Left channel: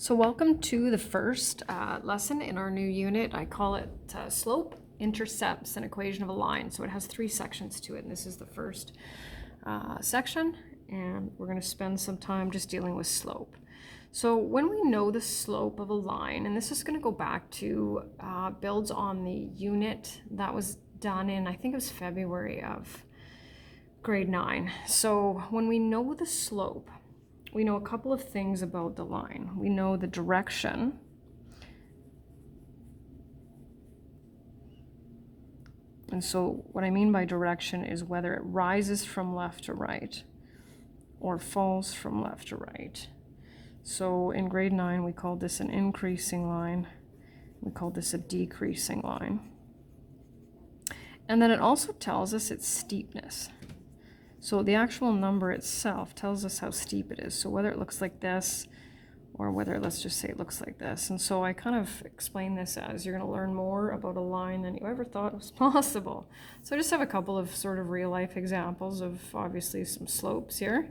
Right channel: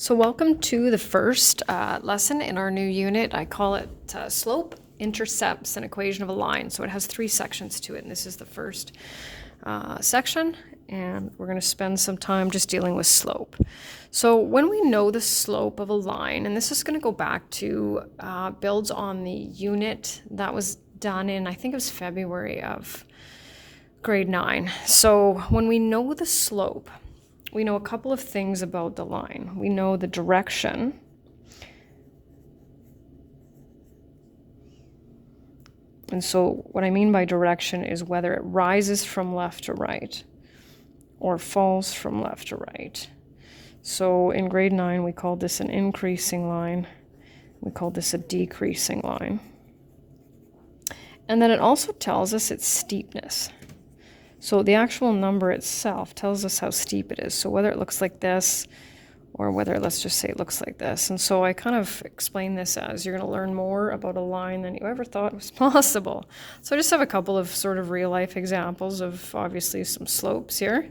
So welcome to the first lesson in our new unit. I call it Slope, Intercepts, and Equation of a Line. So it has three sections to it, and this is the first section, and we're going to spend some time just dealing with slope. So when we know the slope of a line, and this is going to go back to builds on the unit that was done in, I think it was February of grade 9. So when we know the slope, we know a couple of things about the line. We know the direction. And so what I mean by direction is whether it rises from left to right or falls from left to right. So in grade 9, we called this an increasing line. We called this a decreasing line. And then it also tells us its steepness. So the actual number itself tells us how steep it is. So whether it looks like this or whether, let's just say, it looks like this. And so I kind of explain this as you're going to learn more about a line than you ever thought was possible. So I just have a couple of sort of real life examples of obviously some slopes here.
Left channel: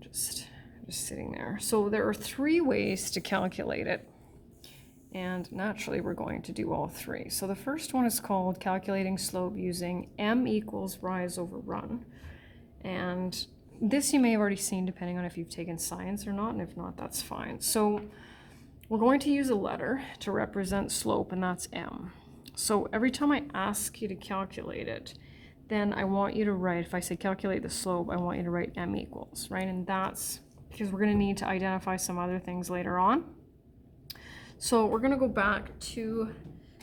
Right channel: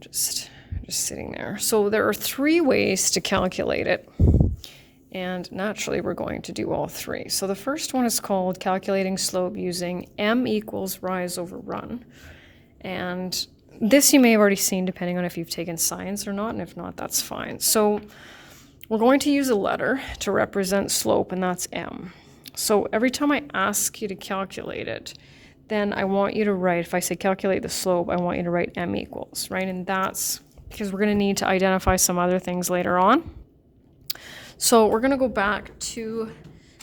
Just sitting there. So there are three ways to calculate it. And naturally, we're going to do all three. So the first one is called calculating slope using m equals rise over run. And this you may have already seen depending on if you've taken science or not, and if not, that's fine. So we're going to use a letter to represent slope, and that's m. So every time I ask you to calculate it, then I want you to write, if I say calculate the slope, I want you to write m equals, right? And that's because we're going to need to identify some other things later on. So we're going to go back to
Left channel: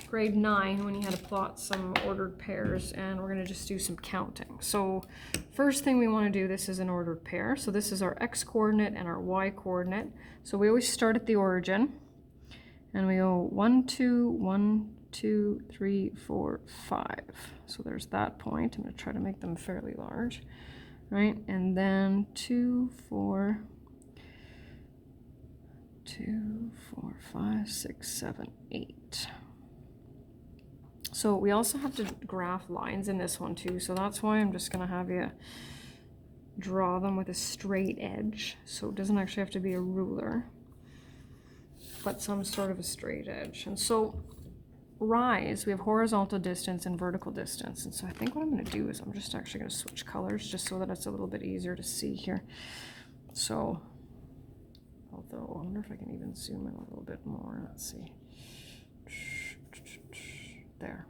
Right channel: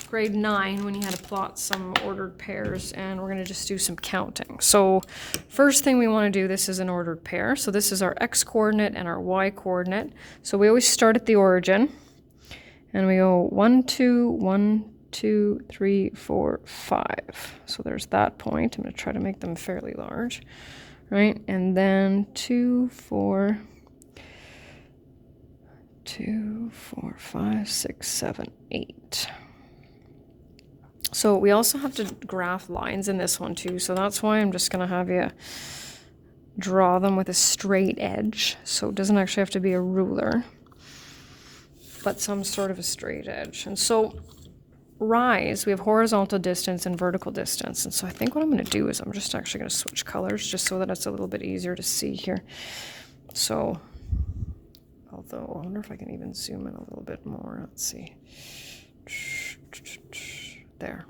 grade 9 when you had to plot some ordered pairs, and we're going to just do some counting. So first thing we want to do, this is an ordered pair. So this is our x coordinate and our y coordinate. So we always start at the origin and we go 1, 2, 1, 2, 3, 4, 5. So there's that point. I'm going to try to make them fairly large, right? And then 2, 4, 2, 4, 5, 6, 7, 8. So we also have to graph lines in this one too. So that's why I'm just going to have you draw them with a straight edge. So it doesn't actually have to be a ruler, but some sort of a straight edge. And so rise, we have horizontal distance and vertical distance. And so I think what I'm going to do is I'm just actually going to switch colors just so that it's a little bit easier to see here. So although I wonder if I can even zoom in a little bit more. Let's see. There.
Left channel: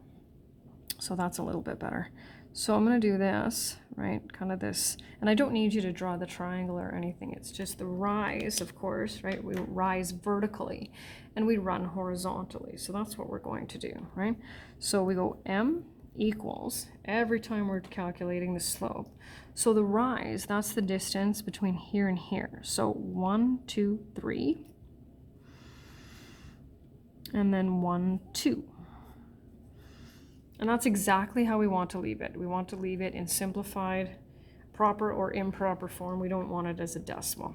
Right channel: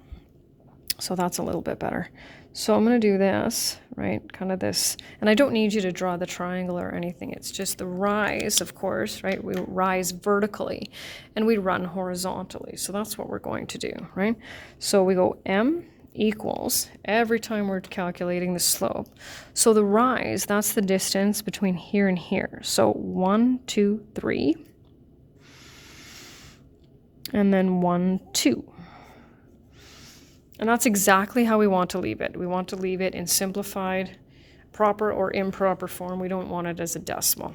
So that's a little bit better. So I'm going to do this, right? Kind of this. And I don't need you to draw the triangle or anything. It's just the rise, of course, right? We rise vertically and we run horizontally. So that's what we're going to do, right? So we go m equals every time we're calculating the slope. So the rise, that's the distance between here and here. So 1, 2, 3. And then 1, 2. And that's exactly how we want to leave it. We want to leave it in simplified, proper or improper form. We don't want it as a decimal.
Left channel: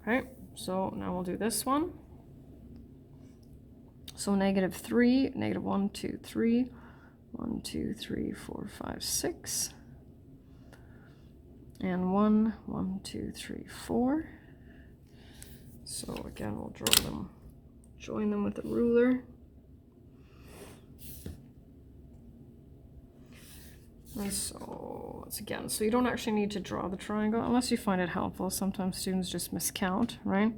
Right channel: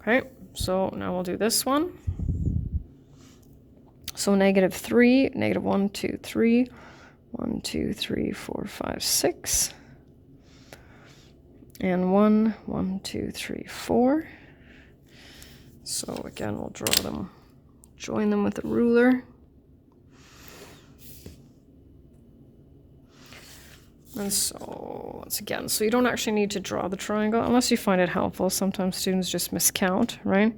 Okay, so now we'll do this one. So -3, -1, 2, 3, 1, 2, 3, 4, 5, 6. And 1, 1, 2, 3, 4. So again, we'll draw them, join them with a ruler. And so once again, so you don't actually need to draw the triangle unless you find it helpful. Sometimes students just miscount, right?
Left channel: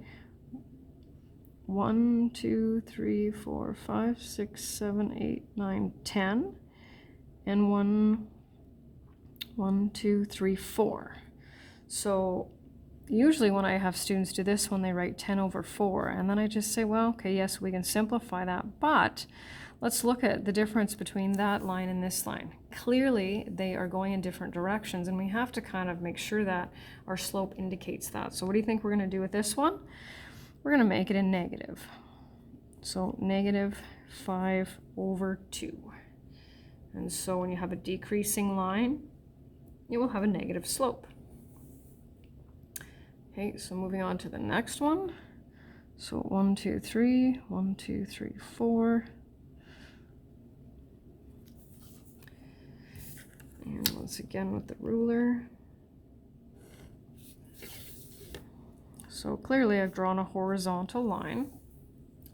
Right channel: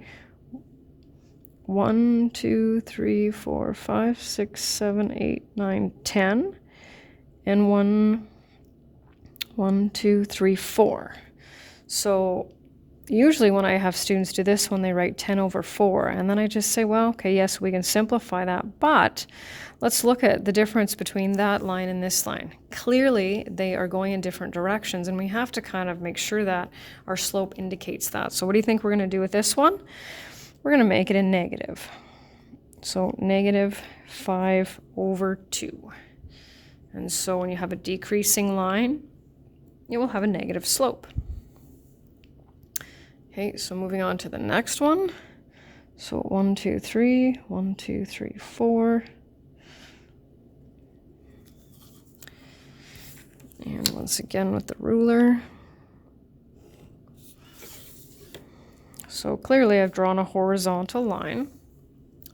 1, 2, 3, 4, 5, 6, 7, 8, 9, 10. And 1, 1, 2, 3, 4. So usually when I have students do this one, they write 10 over 4. And then I just say, well, okay, yes, we can simplify that. But let's look at the difference between that line and this line. Clearly, they are going in different directions, and we have to kind of make sure that our slope indicates that. So what do you think we're going to do with this one? We're going to make it a negative. So -5 over 2. And so when you have a decreasing line, you will have a negative slope. Okay, so moving on to the next one. So 1, 2, 3, 1, 2, 3, 4. And once again with the ruler. So clearly I've drawn a horizontal line.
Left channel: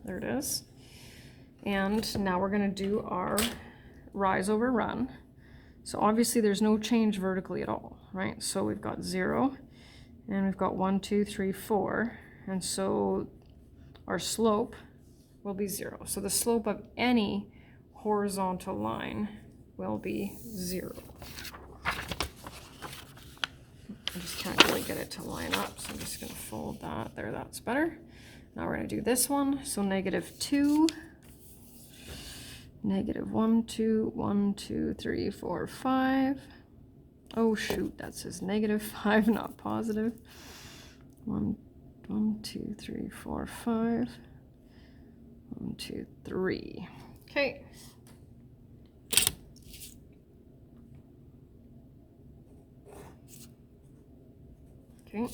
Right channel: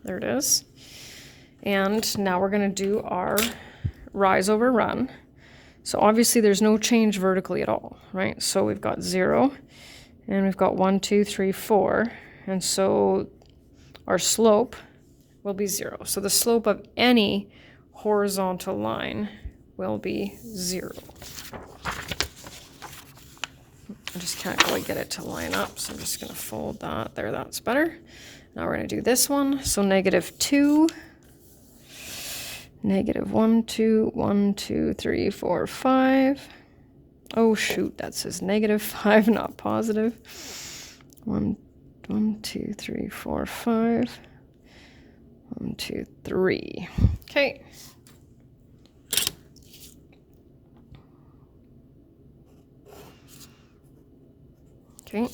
There it is. And now we're going to do our rise over run. So obviously there's no change vertically at all, right? So we've got 0, and we've got 1, 2, 3, 4. And so our slope will be 0. So the slope of any horizontal line will be 0. I just can't quite get it to line up, so I'm just going to fold that. There, that's better. Now we're going to do this one. So -2, -1, 2, 1, 2, 3, 4, 5. Oh shoot, that says -5, not positive. 1, 2, 3, 4, 5. 1, 2, 3. Okay. Okay.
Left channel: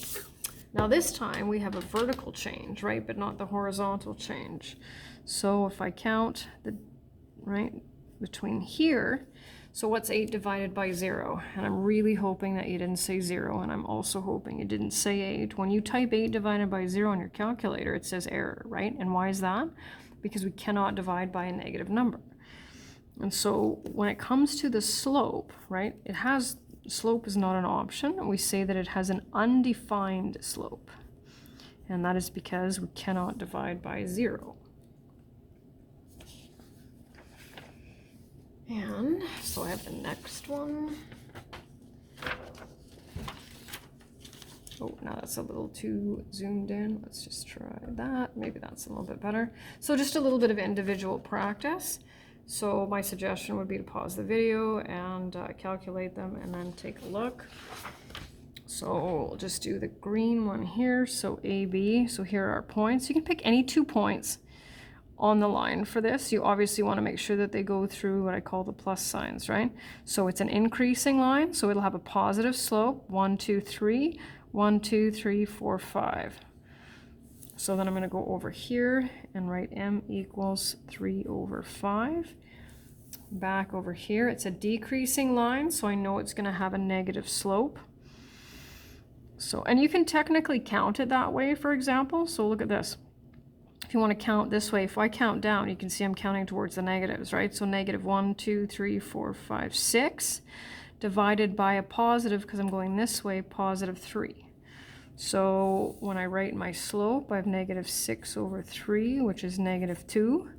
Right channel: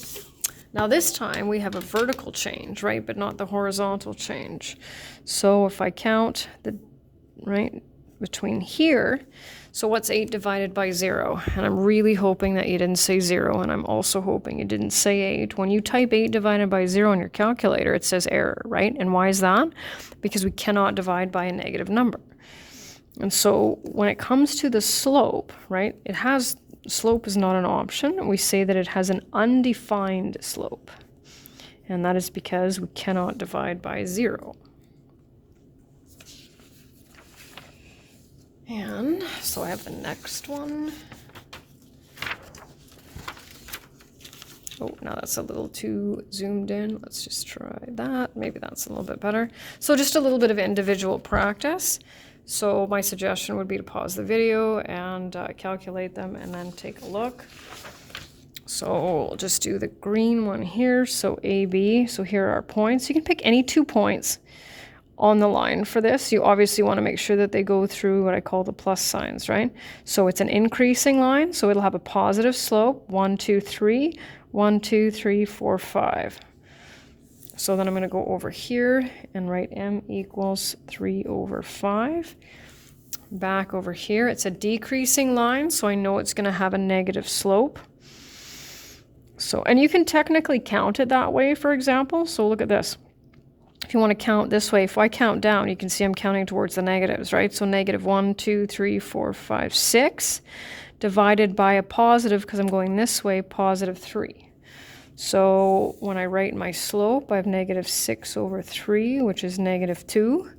Now this time we have a vertical change, right, but not the horizontal change. So if I count the, right, between here, so what's 8 divided by 0? And I'm really hoping that you didn't say 0, and I'm also hoping you didn't say 8. When you type 8 divided by 0 on your calculator, it says error, right? And why is that? Because we cannot divide by a negative number. And so when it comes to the slope, right, it has, slope is not an option. We say that it has an undefined slope. And that is because we cannot divide by 0. And so I have the next one. Oh, now that's a little too zoomed in. Let's just try that. Maybe that's a little bit better. So just a little bit of individual practice. So my suggestion would be to pause the video and calculate them and then take a look. So we'll just do the green one here. So AB, so here are our points. You can pick any 2 points on the line for this. You obviously want to make sure that they go through what I call the plus signs, right? So it's an increasing line, so it'll have a positive slope, 1, 2, 3, 1, 2, 3, 4, 5. So then I'm going to go over here and write m equals 3 over 5. Back over here, it's a decreasing line, so I know it's going to have a negative slope. So, and you can technically count it that way, for example. So look at this. If you want to count this way, if I count down, you can see I'm counting towards the negatives, right? So -1, 2, 3, 4, 5, 6, divided by a positive, because I'm going this way, +3. So when I write my slope, I have -6 over 3, which is -2,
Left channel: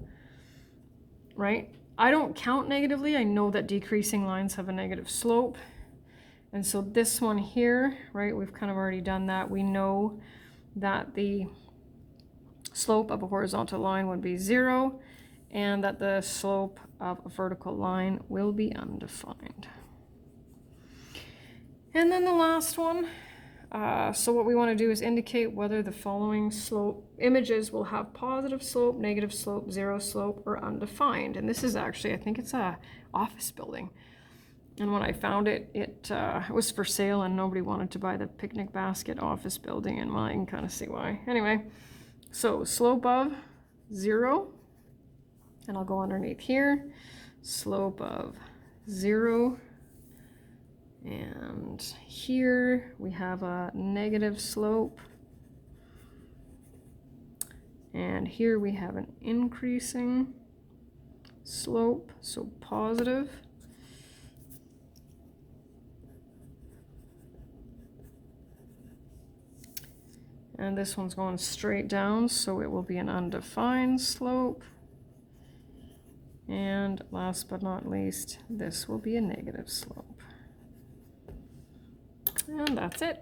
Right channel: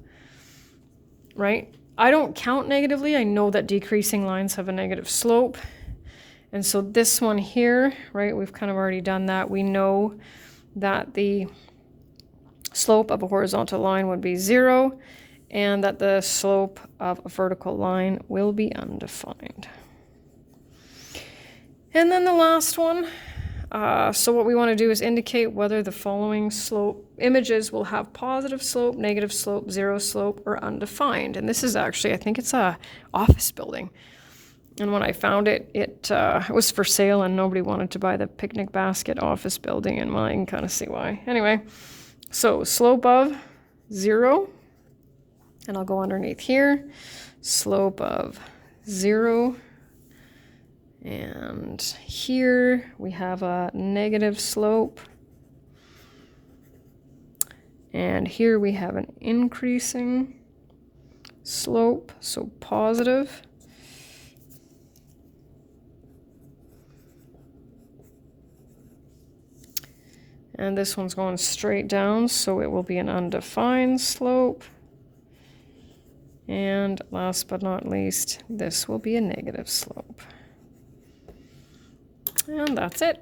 right? I don't count negatively. I know that decreasing lines have a negative slope. And so this one here, right, we've kind of already done that. We know that the slope of a horizontal line would be 0, and that the slope of a vertical line will be undefined. And then the last one, so what we want to do is indicate whether the following slope images will have positive slope, negative slope, 0 slope, or undefined. And this is actually, I think it's a office building. And when I found it, it was for sale and nobody wanted to buy the picnic basket office building, and well, I can kind of see why. Anyway, so slope of 0, and I'll go underneath here, slope of 0, and here we have a negative slope, and here we have an increasing slope, so positive. And this one's going straight down, so it will be an undefined slope. And last but not least, this will be a negative slope. And that's it.